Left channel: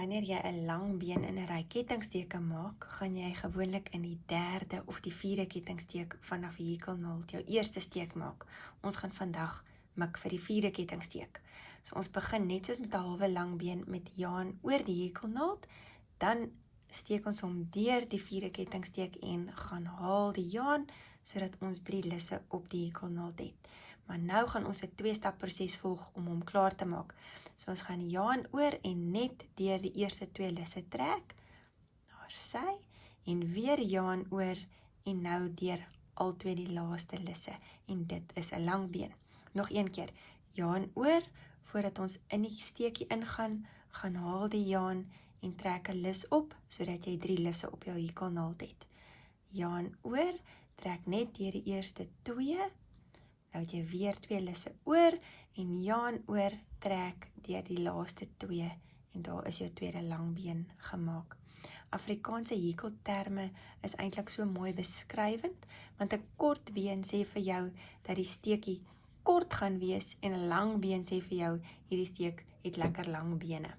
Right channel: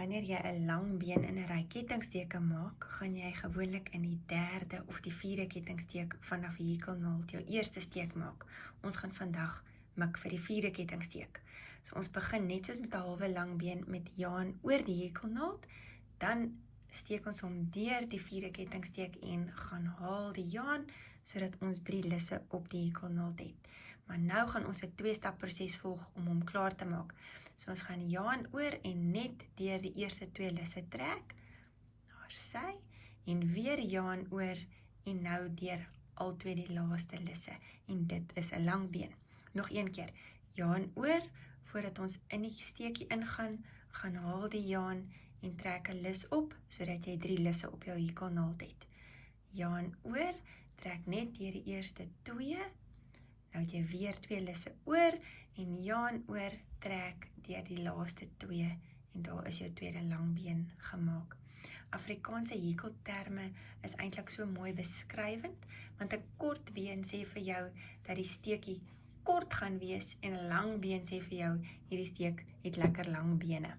Wanneer jy 'n lang been in 'n ry kettingsteke maak, gaan jy gewoonlik in die derde of die vierde kettingsteek vanaf die hekelnaald jou eerste steek maak. Ons gaan vandag mik vir die vierde kettingsteek. So ons begin net soos met 'n halwe lang been met die jaan oor die hekelnaald, dan steek ons hom deur die vierde kettingsteek en gaan haal die jaan sodat ons 3 lisse op die hekelnaald het. Maar nou gaan ons 'n 2-stap proses volg om hom klaar te maak. So ons gaan die jaan oor en net deur die eerste 2 lisse trek, daar sy, en weer jaan oor en nou deur al 2 die laaste lisse, en dit is 'n lang been. Nog een keer, jaan oor, voordat ons in die steekie ingaan, gaan haal die jaan en trek 'n lis op, sodat jy 3 lisse op jou hekelnaald het. Jaan oor, trek net deur die eerste 2, nou het jy weer 2 lisse oor, en jaan oor, trek deur die laaste 2, en daar is jou tweede langbeen gemaak. Afrikaanse hekelterme is eintlik so mooi beskrywend, want 'n kort been sê vir jou dat die steekie kort gaan wees, en 'n lang been sê vir jou, hierdie steek het lekker lang bene.